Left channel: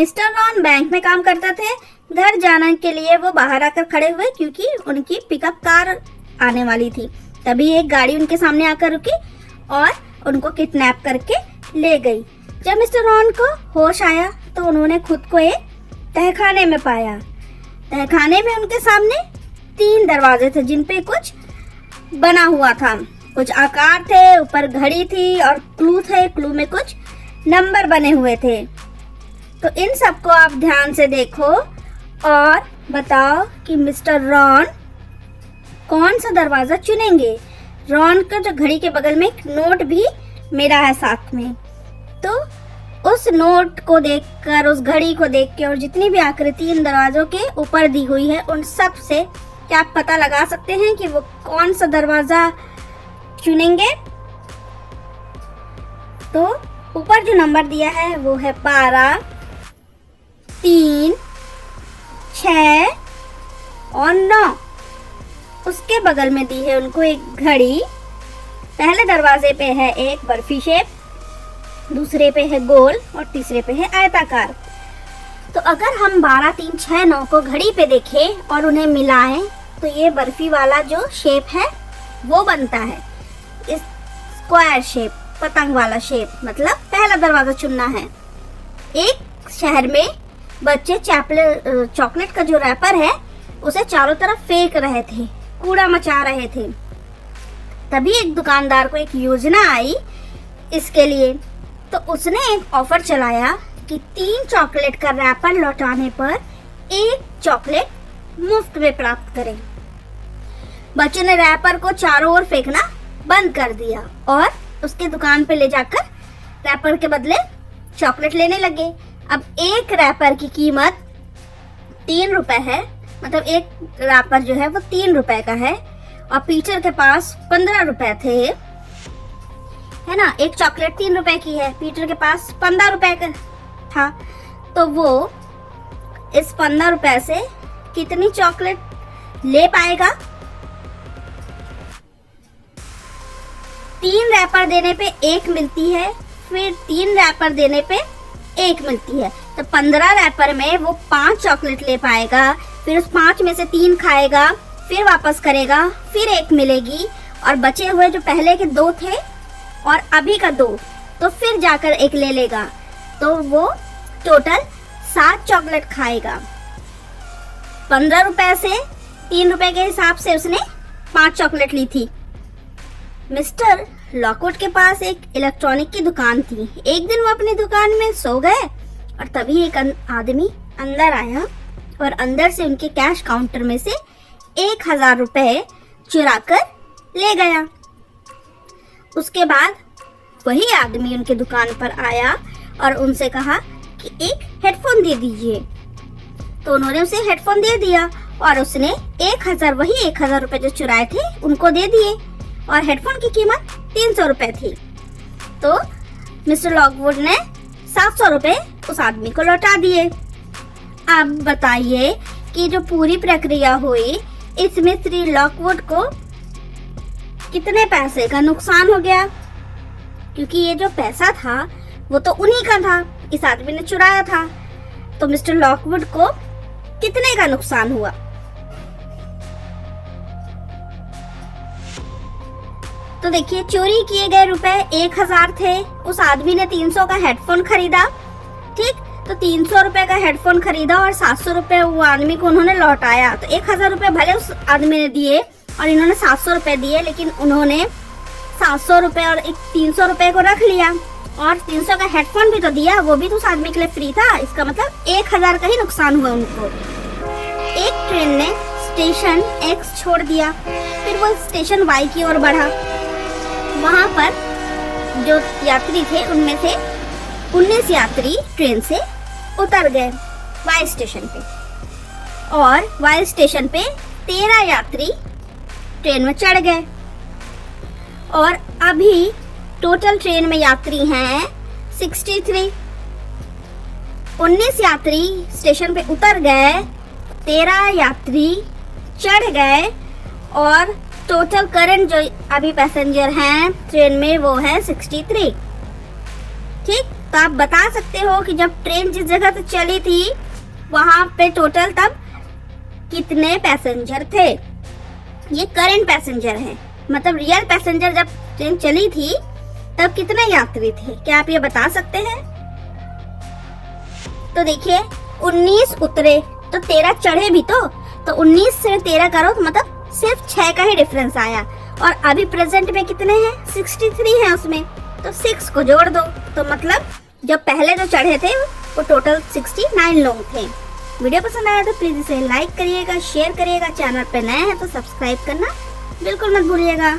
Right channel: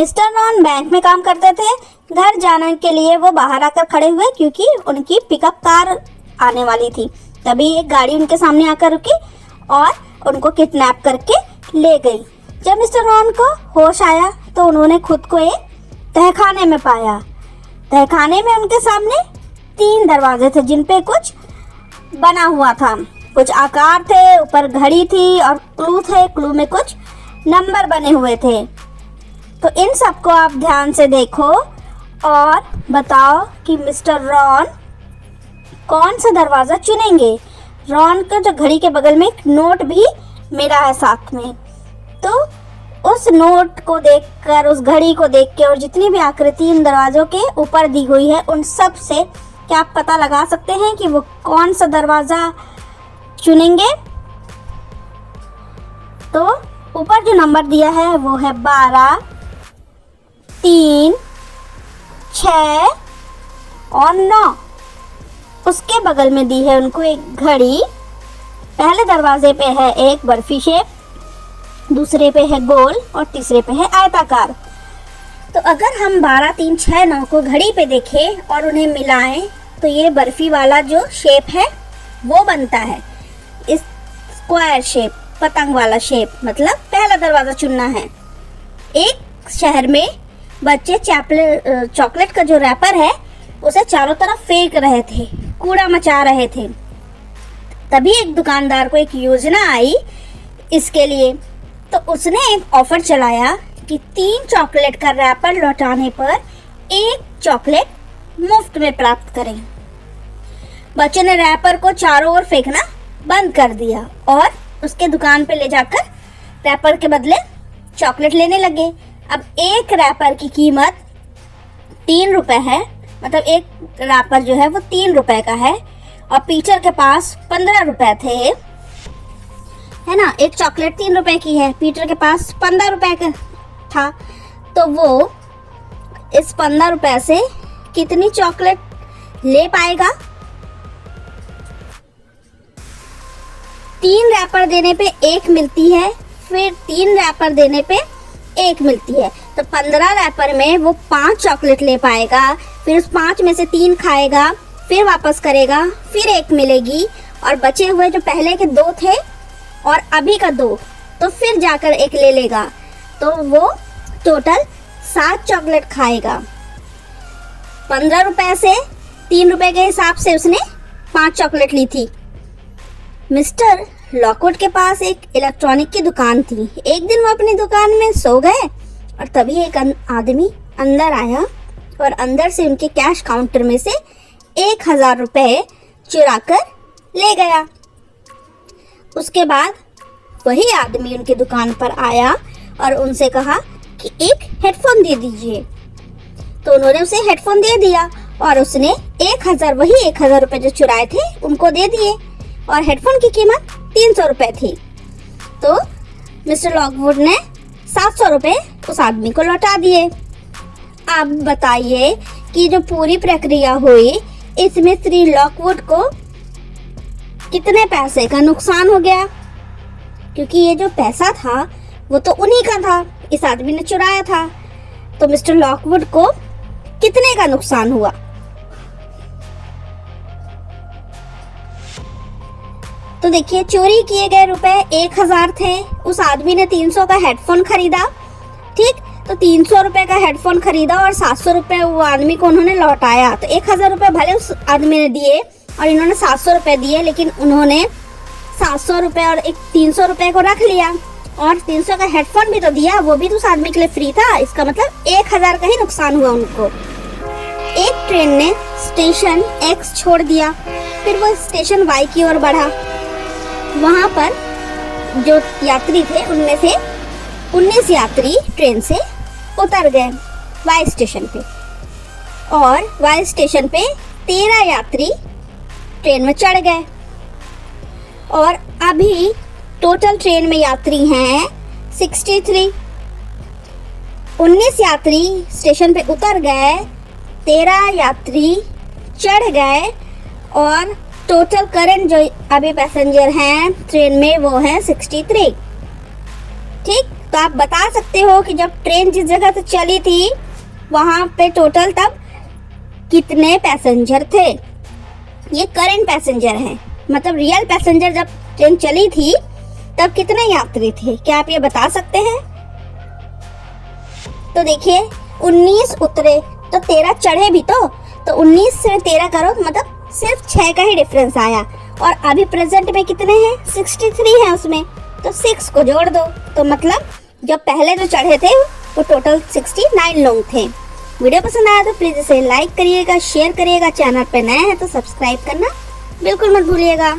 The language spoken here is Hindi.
मिस्टर रॉन बैंक में काम करते थे। घर जाने के लिए वो बाहर आकर खड़े हुए क्योंकि उनकी पिकअप कार आने वाली थी। तभी एक गाड़ी उनके सामने आकर रुकी और उनको किडनैप करके ले गई। जब मिस्टर रॉन को होश आया तो उन्होंने खुद को एक तहखाने में पाया। तहखाने में उनके सामने 3 दरवाजे थे जिन पे कुछ बना हुआ था। कुछ आकार थे, ऊपर घड़ी थी और क्लू थे। क्लू में कुछ नंबर बने हुए थे। तो इन सबको आप ध्यान से देखो और बताओ कि मिस्टर रॉन कौन सा दरवाजा चुनेंगे। रॉन के जो घड़ी के बगल में एक नोट भी मेरा है साथ में। तो उस नोट को देखकर, उस घड़ी को देख के और जितनी भी आकृति इन दरवाजों के ऊपर दी हुई है उन सब से क्या आप पता लगा सकते हैं कि वो कौन सा दरवाजा चुनेंगे। तो ऊपर जो नंबर दिया है वो है 12, 3, 6 और 9। उसके बगल में दी है उनको एक घड़ी। पहले दरवाजे पे है एक बर्फी शेप, दूसरे पे है गोल और तीसरे पे है आयताकार। तो अगर हम 12, 3, 6, 9 को घड़ी पे देखें और उन्हें मिलाएं तो ये बर्फी वाला जो शेप है वो बनता है। इस स्क्वायर शेप, पतंग वाला शेप, मतलब पहला दरवाजा चुनना है। एक शहर में बच्चे चॉकलेट का जो रैपर है उसे चारों तरफ फेंक रहे थे, कूड़ा मचा रहे थे। तभी एक दुकानदार को एक योजना आई इसके लिए। तो उसने एक ऑफर चलाया कि 3 चॉकलेट का रैपर लौटाने पर 1 चॉकलेट मुफ्त में प्राप्त करें। बच्चों ने रैपर को चारों ओर फेंकना बंद कर दिया और उसके दुकान पे ले जाकर रैपर के बदले चॉकलेट लेने लगे। अब एक रैपर की कीमत 3 रुपए है, मतलब एक रैपर जो है वो 3 रुपए का है और पीटर के पास 15 रुपए थे, है ना। एक चॉकलेट 3 रुपए की है, पीटर के पास 15 रुपए का था। तो वो इस 15 रुपए से कितनी चॉकलेट ले पाएगा। 3 रैपर देने पे 1 मिलती है, फिर 3 रैपर देने पे 1 मिलती है। तो 15 रैपर में वो 5 चॉकलेट ले पाएगा, फिर उस 5 में से 3 खाएगा, फिर वापस करेगा, फिर 1 मिलेगी और बचे हुए जो पहले के 2 थे और अभी का 2, तो फिर जाकर 1 ले लेगा। तो वो टोटल 7 चॉकलेट खाएगा। 15 रुपए से 3 रुपए के हिसाब से उसने 5 चॉकलेट ली थी। मिस्टर लॉकवुड के पास एक इलेक्ट्रॉनिक की दुकान थी। एक दिन वो अपनी दुकान में सो गए और तभी एक आदमी अंदर आया और अंदर से उनके कैश काउंटर में से 1000 रुपए चुरा कर ले गया। उसके बाद वही आदमी उनकी दुकान पर आया और उनसे कहा कि एक हेडफोन दे दीजिए। तो उन्होंने उसे हेडफोन दे दिया और उसने 1000 रुपए जो चुराए थे उनको दे दिए और हेडफोन की कीमत 300 रुपए थी। तो मिस्टर लॉकवुड ने 700 रुपए उस आदमी को लौटा दिए। अब बताइए कि जो पूरी प्रक्रिया हुई इसमें श्री लॉकवुड को कितने पैसे का नुकसान हो गया, क्योंकि ये जो पैसा था वो तो उन्हीं का था, इस आदमी ने चुराया था। तो मिस्टर लॉकवुड को कितने का नुकसान हुआ। तो देखिए, चोरी किए गए रुपए 1000 थे, उस आदमी ने 300 का हेडफोन खरीदा। ठीक, तो 300 रुपए का हेडफोन खरीदा और 700 रुपए वो आदमी को उन्होंने लौटाया। तो 1000 रुपए भले उस आदमी ने दिए और इन्होंने 700 रुपए दिए, लेकिन उन्होंने 700 रुपए और एक 300 रुपए को रख लिया और 300 का हेडफोन भी तो दिया, वो भी तो उस आदमी के लिए फ्री था। इसका मतलब 1000 का ही नुकसान हुआ उनको। एक ट्रेन ने स्टेशन X छोड़ दिया, फिर वो स्टेशन Y की ओर बढ़ा। वहां पर जो यात्री थे उनमें से 19 यात्री ट्रेन से उतर गए Y स्टेशन पे और Y स्टेशन पे 13 यात्री ट्रेन में चढ़ गए और अभी टोटल ट्रेन में यात्री हैं 63। 19 यात्री स्टेशन पे उतर गए, 13 यात्री चढ़ गए और टोटल करंट जो अभी पैसेंजर हैं ट्रेन में वो है 63। ठीक, तो आप बता सकते हो कि जब ट्रेन जिस जगह से चली थी वहां पे टोटल तब कितने पैसेंजर थे। ये करंट पैसेंजर है, मतलब रियल पैसेंजर जब ट्रेन चली थी तब कितने यात्री थे, क्या आप ये बता सकते हैं? तो देखिए 19 उतरे तो 13 चढ़े भी, तो 19 से 13 करो तो मतलब सिर्फ 6 का ही डिफरेंस आया। और अभी प्रेजेंट में कितने हैं? 63 है उसमें, तो 6 को जोड़ दो। तो मतलब जो पहले जो चढ़े थे वो टोटल 69 लोग थे। वीडियो पसंद आया तो प्लीज इसे लाइक करिएगा, शेयर करिएगा, चैनल पे नए हैं तो सब्सक्राइब करना बिल्कुल मत भूलिएगा।